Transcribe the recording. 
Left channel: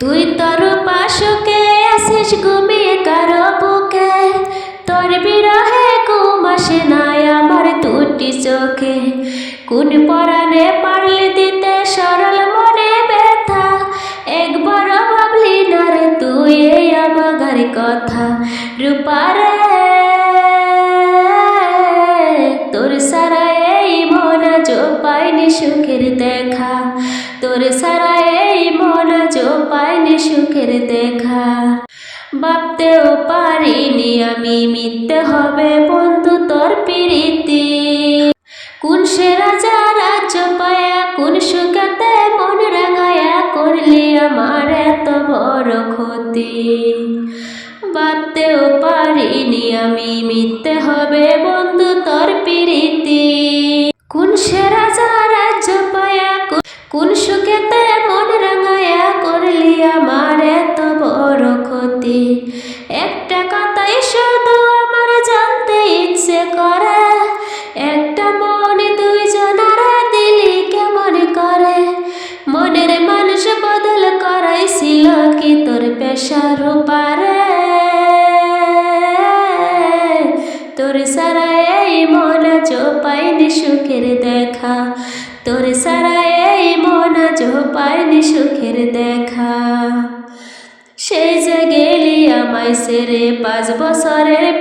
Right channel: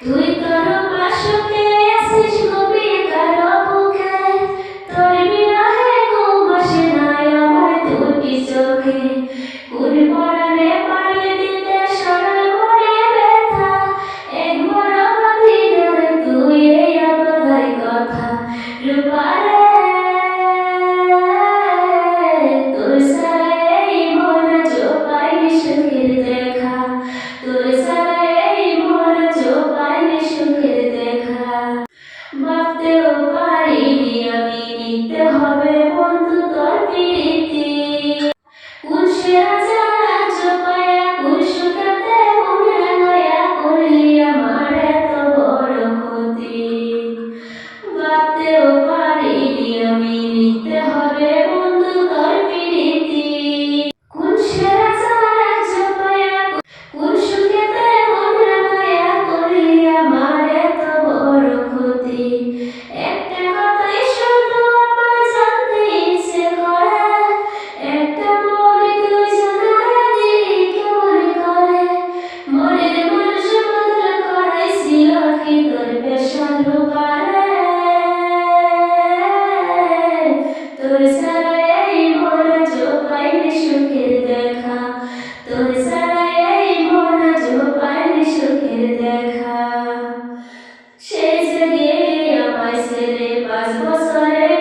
তুই তোর পাশুকে আসিস ঘুমিয়ে কারো বুকে, তোর বিরহে ঘুম আসে না আমার দুটি চোখে। কোন পরাণে পারলে দিতে সরল মনে ব্যথা, একবার ভাবলি না রে তুই এই আবগার কথা। রূপারে তোর সারা এই মন আজ পাইনি সুখের দেখা, তোর সারা এই মন আজ পাইনি সুখের দেখা। ভাবতেও পারিনি আমি মিথ্যে হবে বন্ধু তোর প্রীতি। কোন সে রাজা রাজ্য পায়া কোন সুখেতে মন রাঙায়া করলি আমার এত বড় ক্ষতি। ভাবতেও পারিনি আমি মিথ্যে হবে বন্ধু তোর প্রীতি। কোন সে রাজা রাজ্য পায়া কোন সুখেতে মন রাঙায়া করলি আমার এত বড় ক্ষতি। একটা কথাই শুধু আমার জানতে ইচ্ছে করে, একটা মন তুই জানারা দিলি কেমন করে। মনের মানুষ বদল করাইছিল কি তোর পেশার পারে, তোর সারা এই মন আজ পাইনি সুখের দেখা, তোর সারা এই মন আজ পাইনি সুখের দেখা। সেই যে গেলি আমায় সেরে 5 বছরের